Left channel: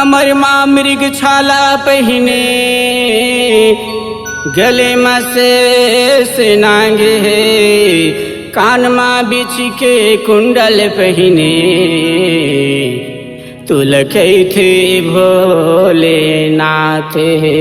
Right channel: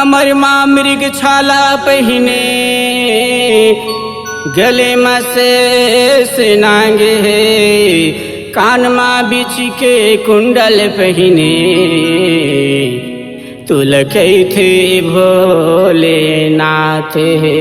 कमर माँ मृग छाला पहिने, गले में से नांगे है, कान माँ बिछ के कुंडल पहिने, तुलकै थे भोलेनाथ है।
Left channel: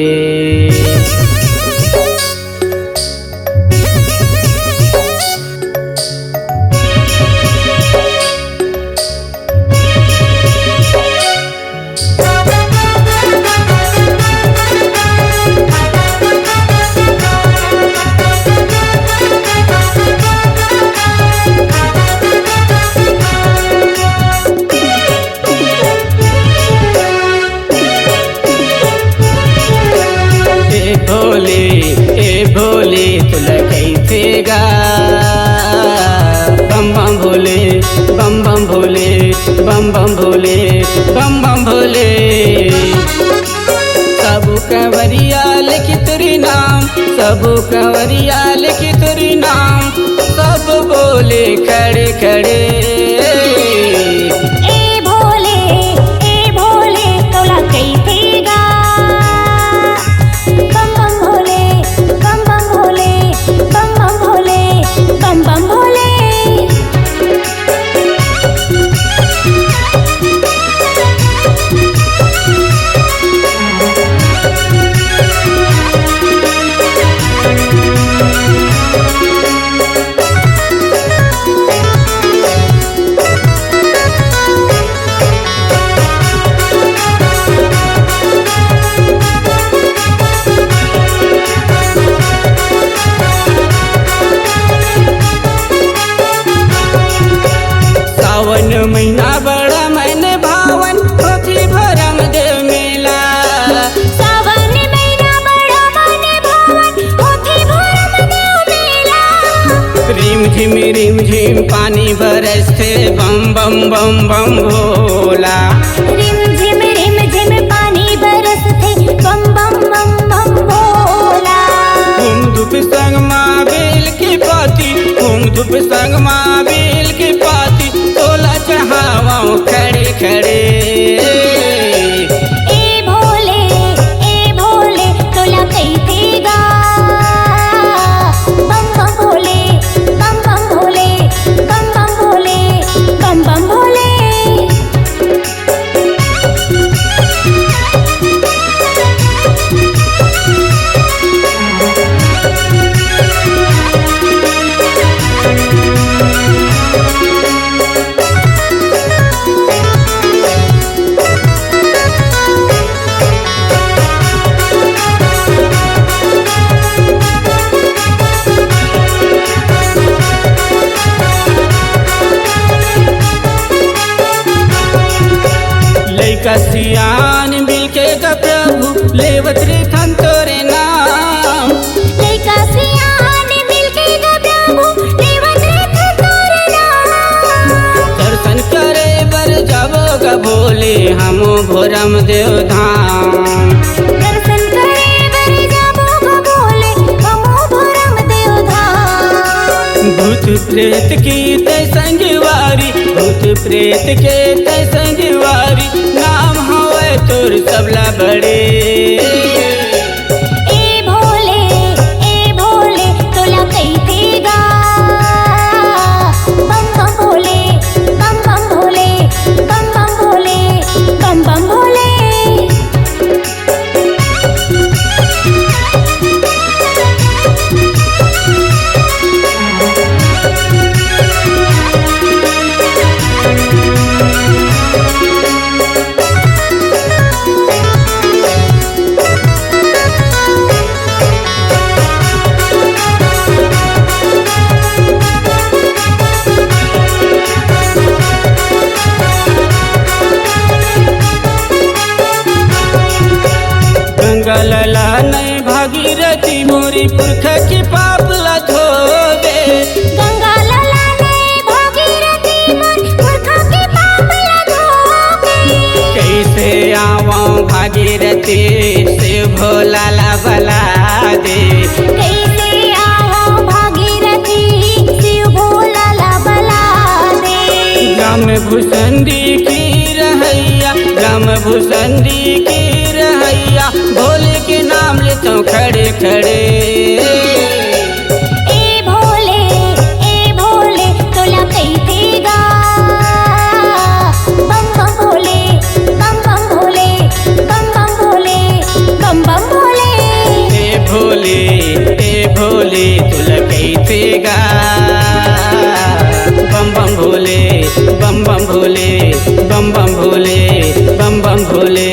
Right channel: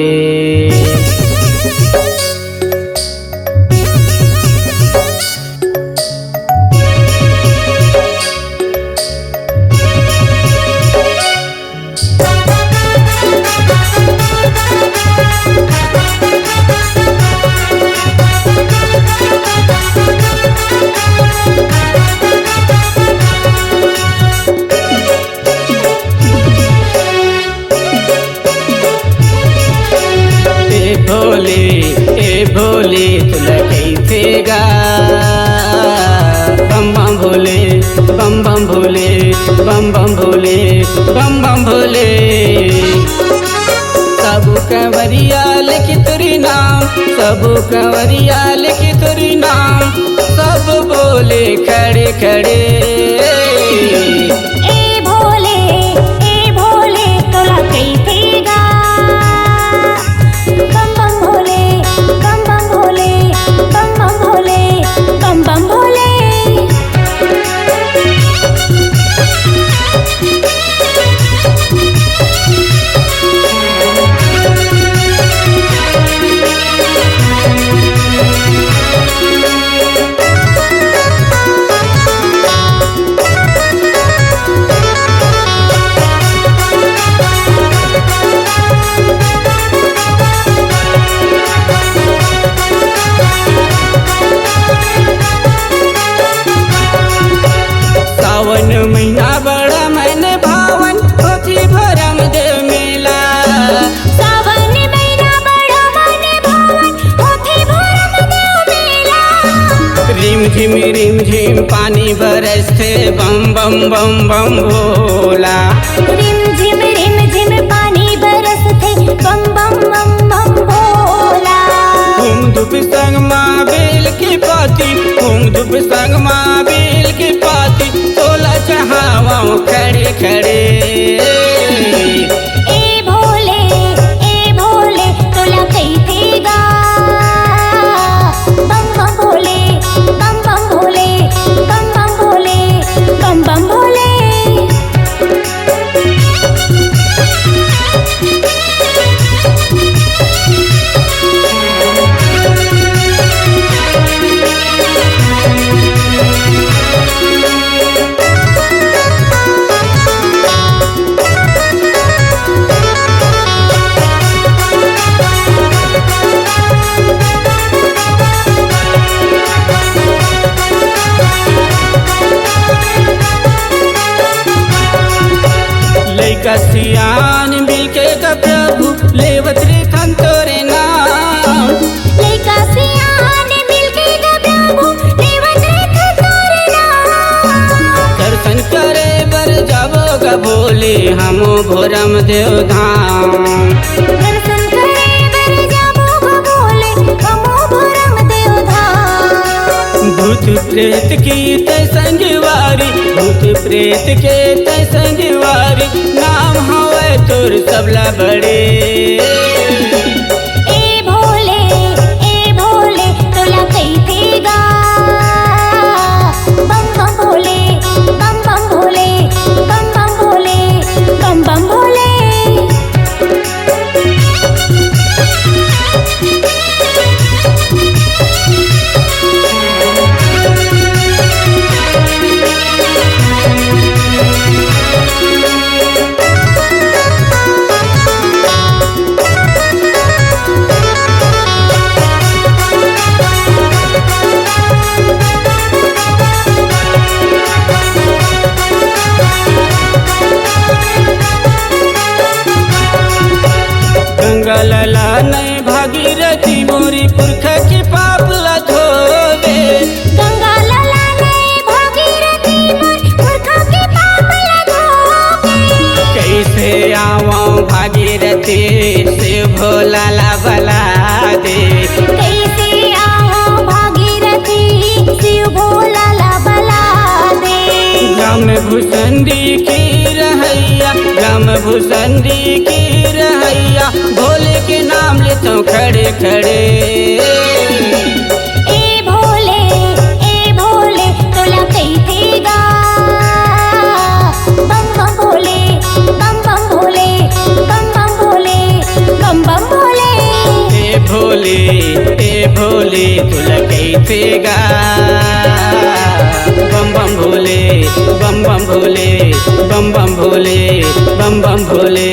ए भोले तुलकै थे गा, बम बम भोले बम बम भोले बम बम भोले बम बम भोले। सब कंवरिया लिखी तुरी नाम, सब कंवरिया लिखी तुरी नाम, सब बोले खड़े खड़े। ए भोले तुलकै थे गा, बम बम भोले बम बम भोले बम बम भोले बम बम भोले। सावन महीना बड़ा मैंने भावन, होती भरम देव मेला। सावन महीना बड़ा मैंने भावन, होती भरम देव मेला। रिम झिम पानी बरसते, बम बम बम बम भोला। रिम झिम पानी बरसते, बम बम बम बम भोला। घूम धूप संग माँ बेल की पाती, घूम धूप संग माँ बेल की पाती, तोला चढ़ावाओ खड़े खड़े। ए भोले तुलकै थे गा, बम बम भोले बम बम भोले बम बम भोले बम बम भोले। लैका सियान मिलके का प्रभु लेवत रे थन तोरे नाम। लैका सियान मिलके गा प्रभु लेवत रे थन तोरे नाम। दर्शन करे बर जाबो गा भोले हमो भोरम देव धाम। दर्शन करे बर जाबो गा भोले हमो भोरम देव धाम। भूत प्रेत की तै संगवारी, भूत प्रेत के तै संगवारी, नाम हवे तोर सबला बड़े। ए भोले तुलकै थे गा, बम बम भोले बम बम भोले बम बम भोले बम बम भोले। गंगा लला नहीं भागीरथी मोरी पुरखा की पाप ला धोवे। गंगा लला नहीं भागीरथी मोर पुरखा के पाप ला धोवे। कैसे आवा भागीरथी से भोला ला बला दे। कैसे आओ भागीरथी शिव भोला ला बला दे। ग्राम भूषंडी की रहैया मैया राम भूसंडी की रहैया भोले के नाम लेता हूँ खड़े खड़े। ए भोले तोला कैसे गा बम बम भोले बम बम भोले बम बम भोले बम बम भोले। ए भोले तुला कैसे गा बम बम भोले बम बम भोले बम बम भोले बम बम भोले।